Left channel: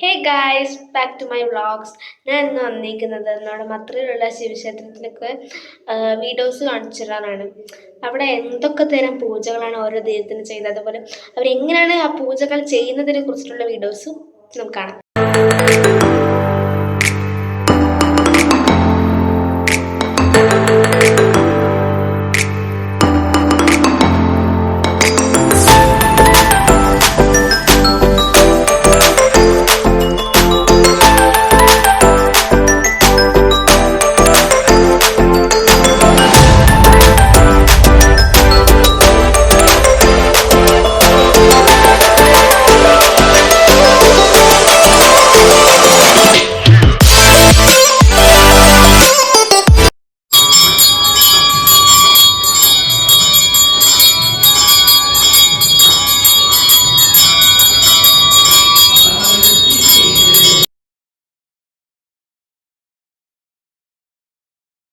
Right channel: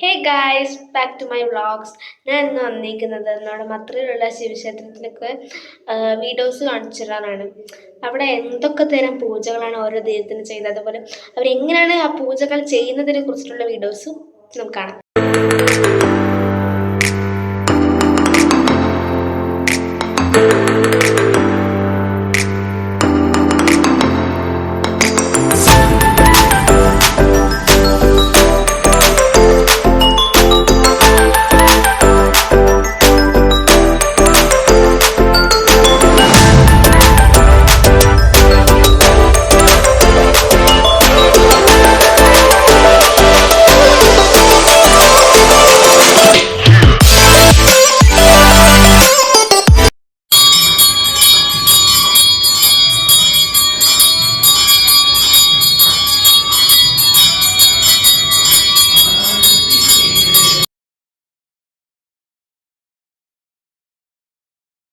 Hey guys, back to my vlogs. ഞാൻ ഇന്ന് വന്നിരിക്കുന്നത് നമ്മുടെ മത്രയിലുള്ള ശിവക്ഷേത്രത്തിലേക്ക് വീഡിയോസ് കാണിച്ചു തരാനാണ്. അവിടെ എന്തൊക്കെ തരം പൂജകളാണ് ഓരോ ദൈവത്തിന് ചെയ്യുന്നത്, അതുപോലെ അവരെങ്ങനെയാണ് ആ പൂജകൾ ചെയ്യുന്നതിനെ കുറിച്ചിട്ടുള്ള വീഡിയോസും നമുക്ക് കാണാം.